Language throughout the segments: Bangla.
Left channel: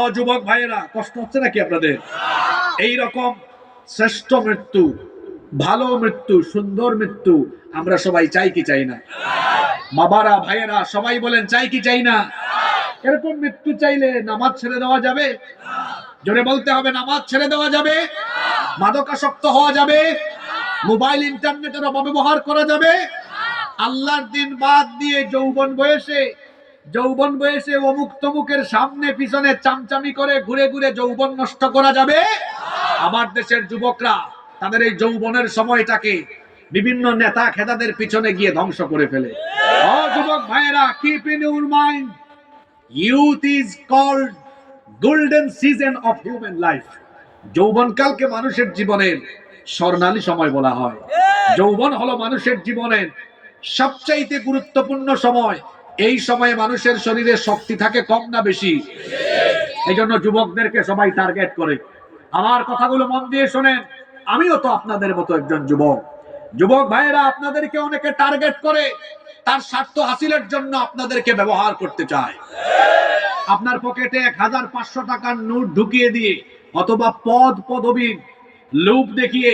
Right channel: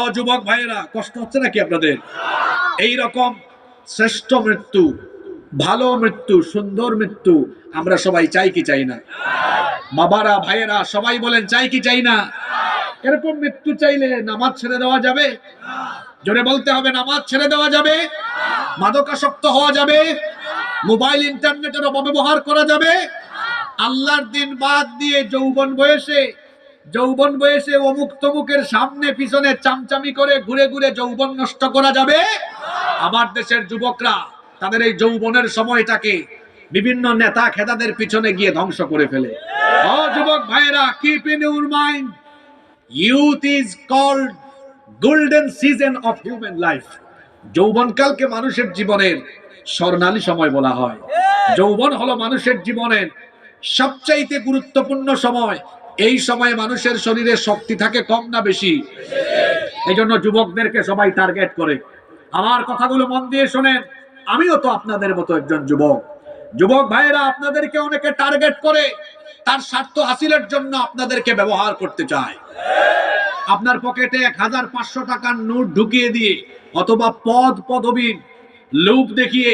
ও যুবক ভাইয়েরা, কষ্ট হচ্ছে নাকি আপনাদের? এই রকম শ্রেষ্ঠ মৃত্যু, ভালো মৃত্যু, সুন্দর মৃত্যু আমরা সবাই চাই কি চাই না? বাবারা, ভাইয়েরা, সবাই বলেন চাই কি চাই না? এরকম মৃত্যু চাইলে নামাজ ছেড়ে দেওয়া যাবে? জোরে বলতে হবে, নামাজ ছেড়ে দেওয়া যাবে? মাদকাসক্ত হওয়া যাবে? মোবাইল ইন্টারনেটের অপব্যবহার করা যাবে? আল্লাহর দিন বাদ দিয়ে যৌবন বয়সে অমুক তমুকের সামনে পিছনে চামচামি করে ঘুরে ঘুরে যৌবন নষ্ট করা যাবে? আমার দেশের যুবকরা তাদের এই যৌবনের সময়টাকে বিভিন্ন নেতা খেতাদের পিছনে গিয়ে ধ্বংস করে ফেলে। ও যুবক ভাইয়েরা, keep in your mind, youth is called golden season of human life. যৌবনকালকে মানুষের জীবনের স্বর্ণালী সময় বলা হয়। যৌবন হলো মানুষের জীবনের সবচাইতে গুরুত্বপূর্ণ সময়। এই সময়ে মানুষের শরীরে শক্তি থাকে কম না বেশি? এই জন্য যুবকদেরকে সবাই টার্গেট করে। আমার কথাগুলো মন দিয়ে শোনেন, আমিও তো আপনাদের মতো একজন যুবক। যুবক ভাইয়েরা, আপনাদেরকে অনেকে টার্গেট করে, তার স্বার্থ হাসিলের জন্য আপনাদেরকে ব্যবহার করতে চায়। আপনার পকেটে 1500 টাকার নোট ঢুকিয়ে দিয়ে অথবা পদ পদবীর লোভ দেখিয়ে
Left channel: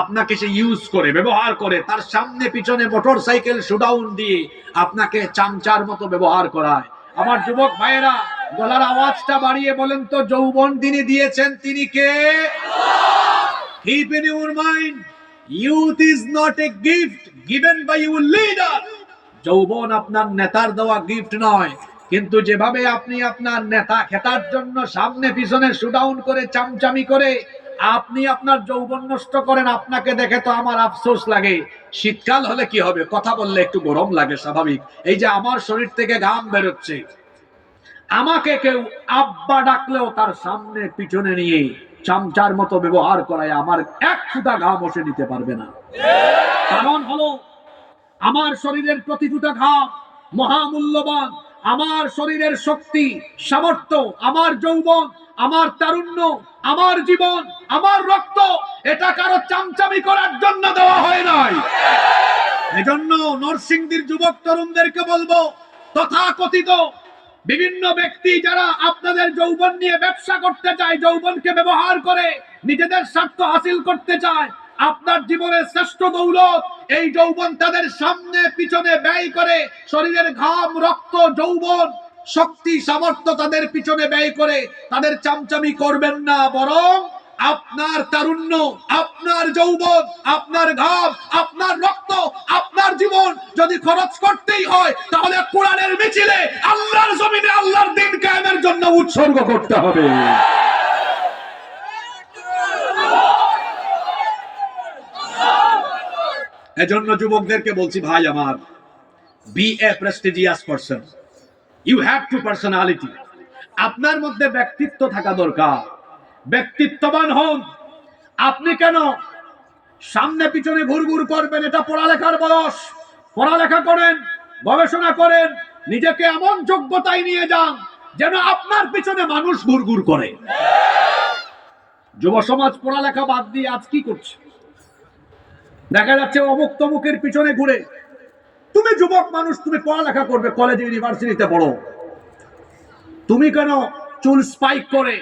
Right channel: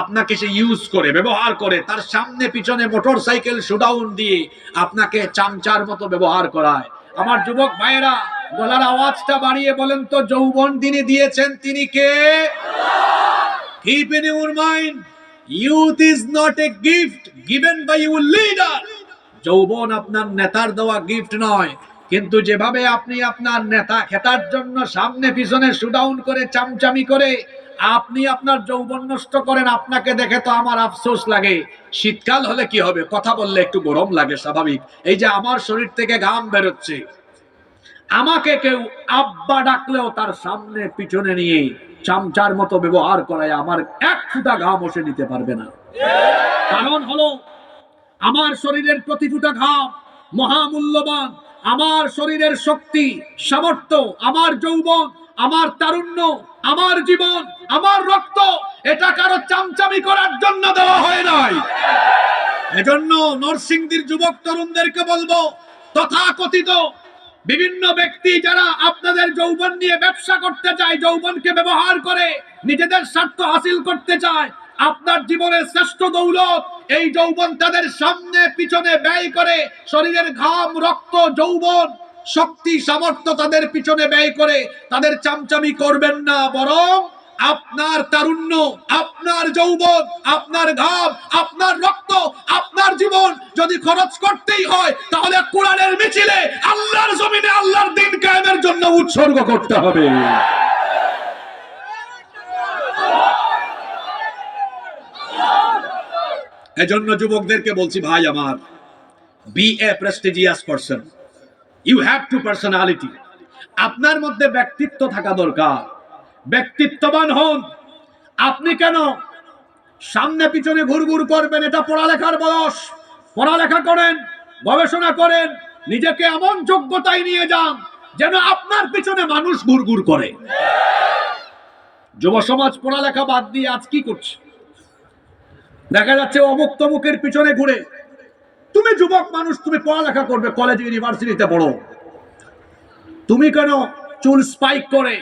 আপনাকে সে ইউজ করে, ব্যবহার করে, তার সামনে পিছনে মোটর সাইকেল শোডাউন দিয়ে আপনাকে চামচার মতো ব্যবহার করায়। আমার যুবক ভাইয়েরা, গলার আওয়াজটা বাড়িয়ে বলেন তো, যৌবন তিনি দিয়েছেন, তিনি কে? Keep in your mind, youth is not a gift given by your leader. যৌবন আপনার নেতার দেওয়া গিফট নয়, কিন্তু যেভাবে আপনি আপনার নেতা খেতার জন্য সামনে পিছনে শুডাউন করে চামচামি করে আপনি আপনার যৌবন নষ্ট করেন, আপনাকে দেখে তো আমার আফসোস লাগে। শীতকাল হলে কি হবে, কথা বললে একটু গরম লাগে, স্বাভাবিক। এই যে আমার শরীর থেকে ঘাম বেরোচ্ছে, আমাকে কেউ আব্বা ডাকলেও তার সামনে পিছনে নিয়ে চামচার মতো ব্যবহার করায় আমার এক ফুটা ঘাম বসে নিতে পারবে না। কারণ হলো, আমার শরীরের প্রতি ফুটা ঘাম মহামূল্যবান। আমার শরীরের শক্তি, সামর্থ্য, আমার যৌবন, আমার তারুণ্য, আমার জীবন, আমার রক্ত, এটা কারো চামচামি করার জন্য দেওয়া হয় নাই। এজন্য নরসিংদীর যুবক তরুণদেরকে বলবো, তথাকথিত বিভিন্ন ব্যক্তি যারা আপনাদের যৌবন নিয়ে ব্যবসা করতে চায়, যৌবনকে ব্যবহার করে নিজেদের স্বার্থ হাসিল করতে চায়, আপনার জীবনের শ্রেষ্ঠ দৌলত এই যৌবন তাদের সামনে পিছনে ব্যয় করে, শরীরের ঘাম, রক্ত, যৌবন, শক্তি, সামর্থ্য তাদের পিছনে ব্যয় করে তাদের চামচামি করবেন না। বরং আপনার তারুণ্য, আপনার যৌবন, আপনার ঘাম, আপনার রক্ত, আপনার জীবন যদি খরচ করতেই হয়, তাহলে কোরআনের মিছিলে আল্লাহর জমিনে আল্লাহর দ্বীন কায়েমের জন্য উৎসর্গ করতে হবে। এজন্য যুবকদেরকে বলছি, ভাই আমার, be a prestigious person, you have to personality. আপনার মধ্যে ব্যক্তিত্ব থাকা দরকার, ব্যক্তিত্ববান হন। আপনি কেন সামনে পিছনে ঘুরঘুর করবেন? এটা পড়ালেখার বয়স, পড়ালেখা করেন, গবেষণা করেন, নিজেকে এমন যোগ্যতায় নিয়ে যান যেন আপনার পিছনে মানুষ ঘুরঘুর করে। যুব সমাজ পড়ালেখা বাদ দিয়ে আজ কি করছে? দেখা যাচ্ছে অমুক তমুকের পিছনে ঘুরে। তুমি যুবক মানুষ, তুমি পড়ালেখা করবে, কলেজে ইউনিভার্সিটিতে পড়ো, তুমি কেন চুল স্পাইক করে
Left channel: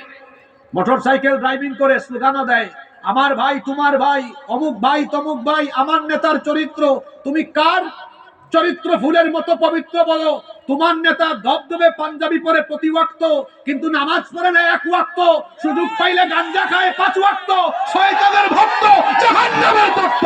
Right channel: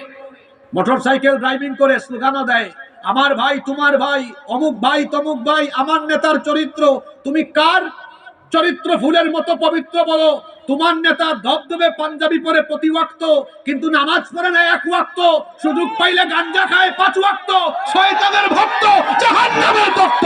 মোটর সাইকেল ড্রাইভিং করে স্লোগানও দেয়, আমার ভাই, তোমার ভাই, অমুক ভাই, তমুক ভাই, আমার নেতার চরিত্র? তুমি কার চরিত্র ফুলের মতো পবিত্র বলো? তোমার নেতা ধবধবে পাঞ্জাবি পরে প্রতি ওয়াক্ত, কিন্তু নামাজ পড়ে না এক ওয়াক্ত, সুযোগ পাইলে গাঞ্জা খায় 5 ওয়াক্ত, শয়তানের ভক্ত, জাহান্নামের ভক্ত।